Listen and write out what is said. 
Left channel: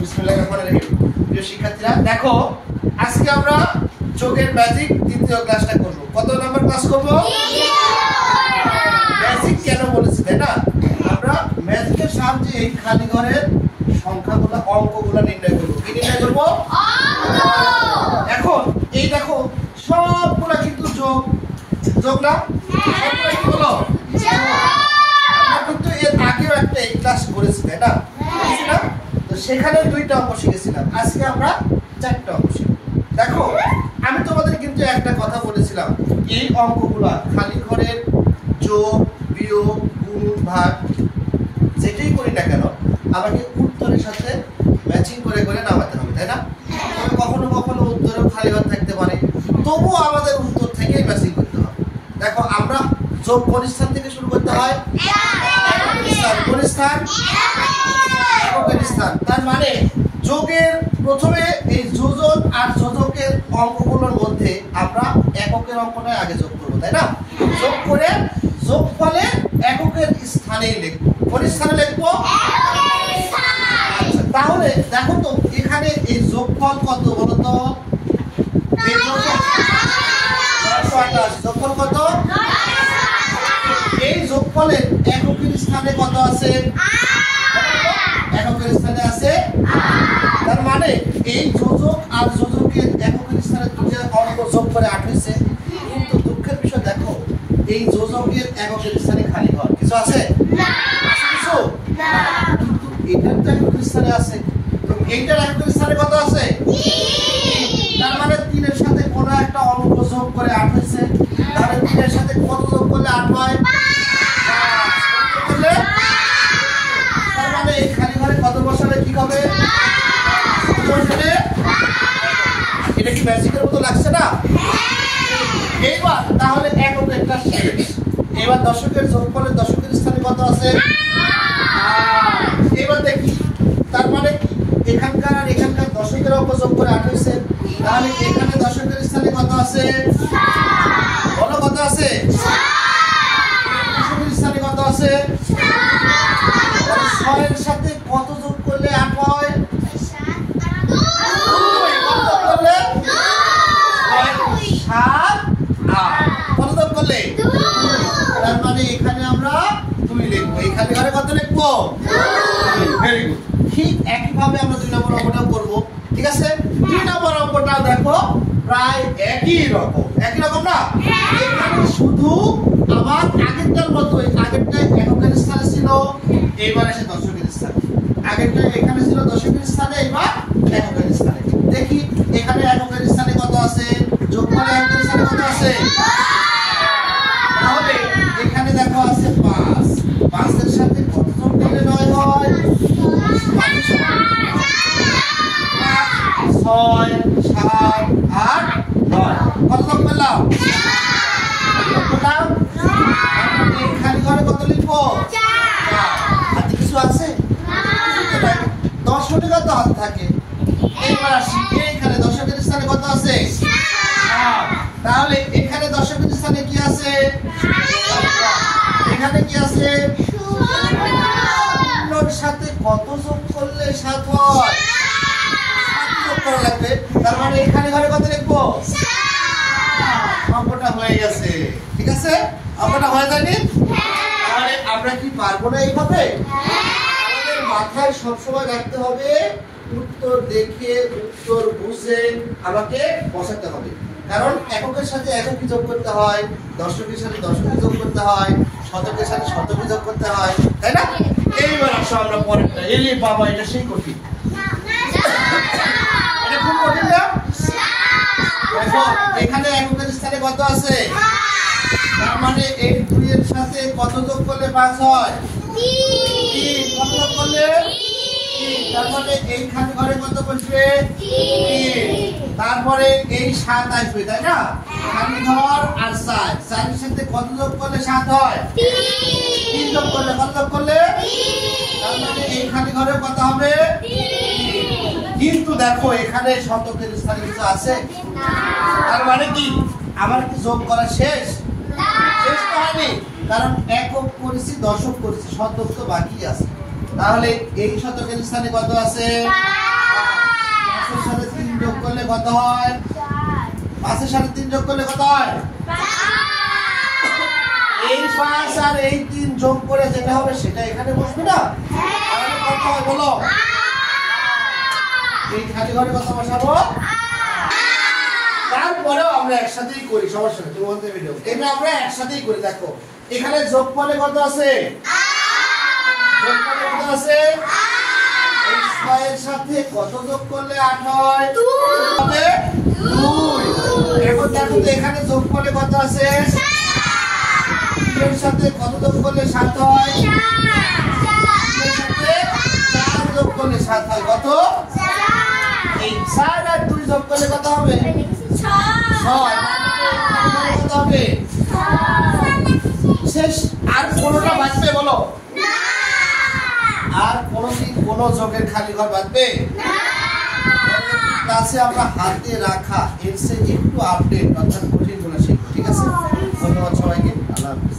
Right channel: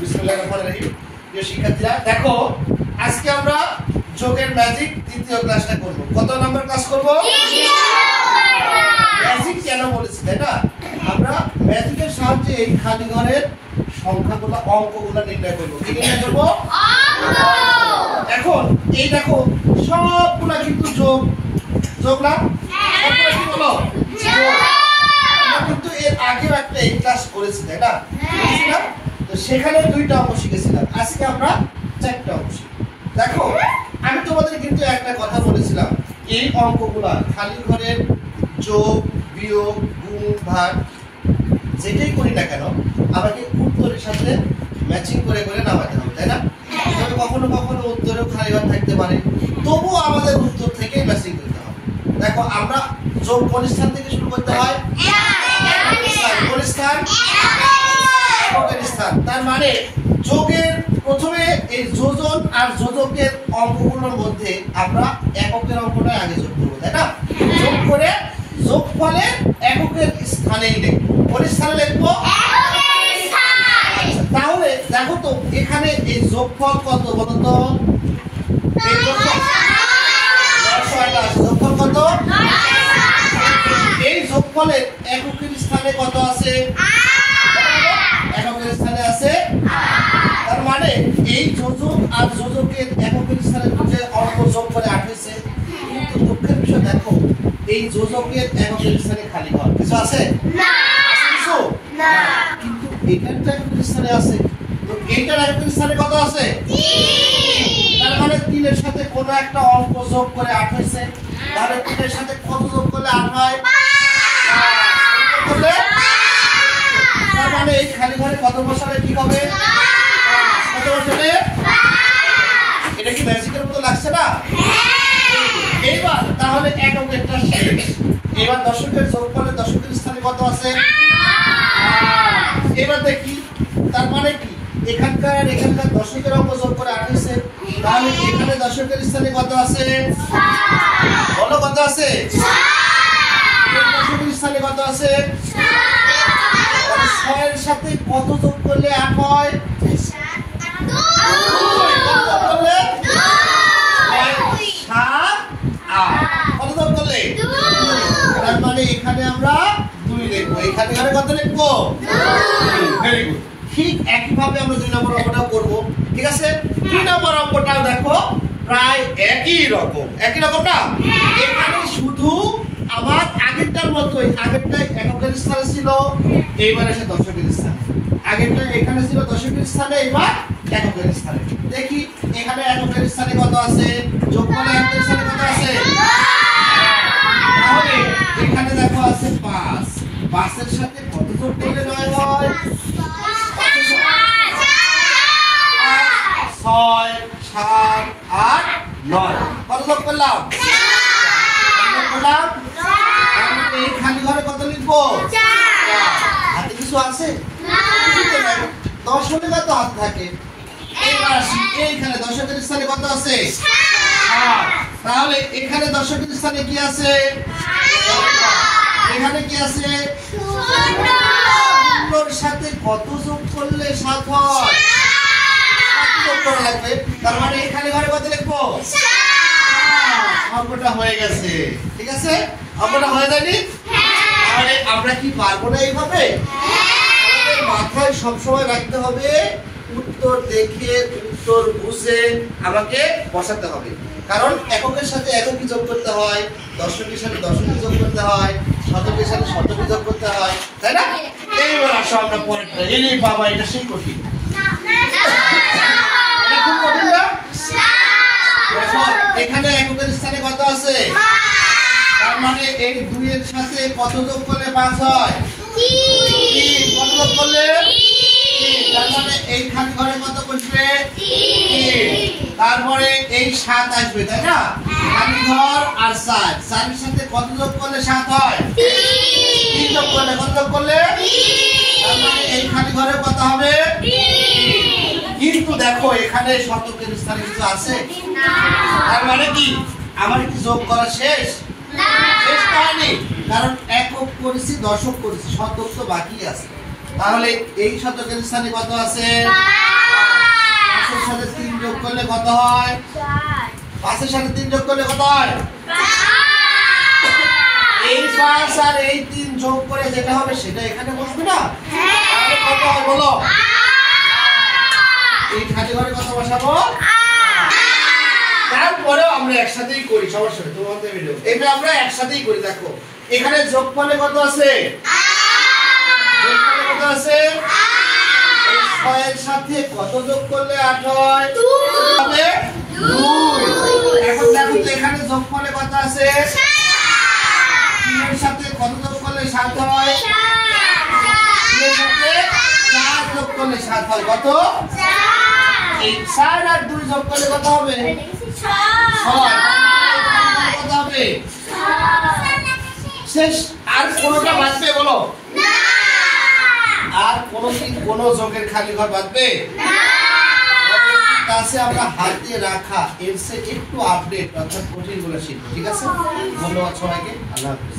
বিসমিল্লাহির রহমানির রহিম। প্রিয় শিক্ষার্থীরা দেখো, আজকে আমরা যোগের ম্যাজিক দ্বিতীয় ক্লাসটা করব। কত নম্বর ক্লাস করব? ম্যাজিক কেন বলেছি তাই না? আমরা ম্যাজিকের সাহায্যে এই খালি ঘরের সংখ্যাগুলো, অঙ্কগুলো নির্ণয় করব। কি নির্ণয় করব? এখন এই দেখো, সবগুলা কিন্তু যোগ যোগ না? সবগুলা কি বলো? আমরা কিন্তু এর আগেও একটা এই ক্লাস করেছি তাই না? তো সেখানে দুইটা অঙ্ক শিখেছিলাম, আজকে আমরা চারটা অঙ্ক শিখব। দেখো, আমি তোমাদের কিন্তু একটা কথা বলেছিলাম, এই অঙ্কগুলো খালি ঘরের যোগ, বিয়োগ, গুণ, ভাগ যেটাই করি না কেন আমাকে উত্তরের সাথে ম্যাচিং করে করে নামাতে হবে তাই না? তবে কখনো কখনো উত্তরেও খালি ঘর থাকতে পারে, তবুও আমাদের উত্তর থেকেই ম্যাচিং করতে হবে। দেখো, আমরা যোগ কোন স্থান থেকে শুরু করতে হয়? কোন স্থান? স্থান। তার মানে যোগের প্রথমে এই যোজন আর যোজকের অঙ্কগুলোর মধ্যে আমরা এককের অঙ্কটা আগে যোগ করব তাই না? যোগ করে যোগফলে এককের স্থানে লিখব। কোন স্থানে লিখব? আচ্ছা, তাহলে দেখো তো এখানে এই যোগফল কত বলো তো? এই যোগফল কত? এই যোগফলের এককের স্থানে কত আছে? এককের স্থানে আছে। তার মানে এই যোজক আর যোজকের এককের স্থানে যে অঙ্ক যোগ করে 8 হয়েছে, কিন্তু দুঃখের বিষয় দেখো, এই যোজকের এককের স্থানে খালি ঘর কিছু আছে না? কিছু না, কিন্তু এটার তো এককের স্থানে আছে। তো এইটার এককের স্থানে কত আছে? 3। তার মানে 3 এর সাথে কোন একটা অঙ্ক যোগ করে 8 হয়েছে। তাহলে 3 এর সাথে কত যোগ করলে 8 হয়? 5। তার মানে এই খালি ঘরে কত বসালে ঠিক হবে? কত বসালে? এটা কি ম্যাজিকের মতো লাগছে না? এইবার তাহলে এককেরটা শেষ। এবার দশকের যোগফলের দশকের স্থানে কত আছে? এবার দেখি, তার মানে কি এখানকার আর এখানকার দশকের অঙ্ক যোগ করে 8 হয়েছে। তাহলে এখানে দশকের স্থানে কত আছে? বলো কত আছে? দশকের স্থানে কত আছে? 6 এর সাথে কত যোগ করলে 8 হয়? 2। কত যোগ করলে? 7, 8। কত যোগ করলে? 2। তার মানে এখানে আমরা 2 লিখব। এখানে ঘরে কত লিখব? 2। Very good. ঠিক একই ভাবে আমরা 2 নম্বর অঙ্কটাও করব। ঠিক আছে? 2 নম্বর অঙ্কটাও দেখো প্রায় একই রকম না? এখানে শুধু আমার আগেরটার মতোই, আগেরটা এককের স্থানে ছিল, এইবার এসে দশকের স্থানে। আগেরটা এখানে ছিল দশকের স্থানে, এবার এককের স্থানে। দেখি এখানে এককের স্থানে কত আছে? যোগফলে এককের স্থানে কত আছে? তাহলে এখানে দেখো আছে 5। 5 এর সাথে কত যোগ করলে 9 হয়? 6, 7, 8, 9। কত যোগ করলাম? এই খালি ঘরে কত লিখবো? 4। হাতে কিছু আছে না? দশকে কত হাত থাকে? এইবার আসি, এইখানে দশকের স্থানে কত আছে? 7। তাহলে এখানে দশকের স্থানে কি আছে? এখানে কি আছে? 0 এর সাথে কত যোগ করলে 7 হয়? 7 যোগ করা লাগবে। তার মানে এখানে ঘরে কত লিখবো? 7। অঙ্কটা হয়ে গেছে। ঠিক আছে? অঙ্কটা হয়ে যায়নি? তাহলে আমরা কি পারবো না এইভাবে? আমাদের মাথায় সবসময় রাখতে হবে, উত্তর দেখে উত্তর বুঝে আমাকে বসাতে হবে। কারণ এককের সাথে এককই যোগ করতে হয়, দশকের সাথে দশকই যোগ করতে হয়, শতকের সাথে শতকই যোগ করতে হয়, তাই না? এইবার আসো আমরা পরে। এই বাবা, এটা সেই কঠিন। এটা খুব কঠিন না? দেখো এখানে এককের স্থানে কত আছে? তার মানে এই 2 এর সাথে কত যোগ করলে 5 হয়? 3। কত যোগ করলে? 3। তার মানে এইখানে ঘরে কত বসবে? 3। তারপরে এই 7 আসবে তাই না? খালি ঘর আর 4। 4 এর সাথে কত যোগ করলে 7 হয়? 3 যোগ করলে কত যোগ করলে? 3। তার মানে এই খালি ঘরে কত হবে? 3। কিন্তু দেখো এখানে শতকের স্থানে কিছু আছে না। তার মানে কি আমার কি যোগ করা শেষ? না, শেষ হয়নি। কারণ একক করেছি, দশক করেছি, শতক তো বাকি আছে। তাহলে এই শতকের স্থানে কত আছে? 5 এর সাথে 3 যোগ করলে কত হয়? 5 এর সাথে 3 যোগ করলে কত হয়? এই 5 আর এই 3 যোগ করে যেটা হবে সেটা এখানে বসবে না? তাহলে কত হয় বলো? এই খালি ঘরে কত বসাবো? তারপরেও আমরা একসাথেই করি, সমস্যা নেই। তোমাদের ভিডিও এটা আমরা একসাথেই করি। দেখো এখানে যোগফলে কত আছে? যোগফলে কত আছে? 6 এর সাথে কত যোগ করলে 8 হয়? 2 হবে 2। এখন দেখো তো এখানে যোগফলে কত আছে? 3 এর সাথে কত যোগ করলে 7 হয়? 3 এর সাথে 4 যোগ করলে 7 হয়। কত? 4। এই 4 আর 2 যোগ করলে কত হবে? 6। কত হবে? 6। শেষ। আর কোনটা বাঁচবে বলো? না। আর কোনদিন কোন যোগের খালি ঘর বাঁচবে? না। কাছে আমরা হাতে রাখা এর চেয়ে একটু আপডেট অর্থাৎ কঠিন গুলো শিখবো। ঠিক আছে? ধন্যবাদ সবাইকে। আল্লাহ হাফেজ।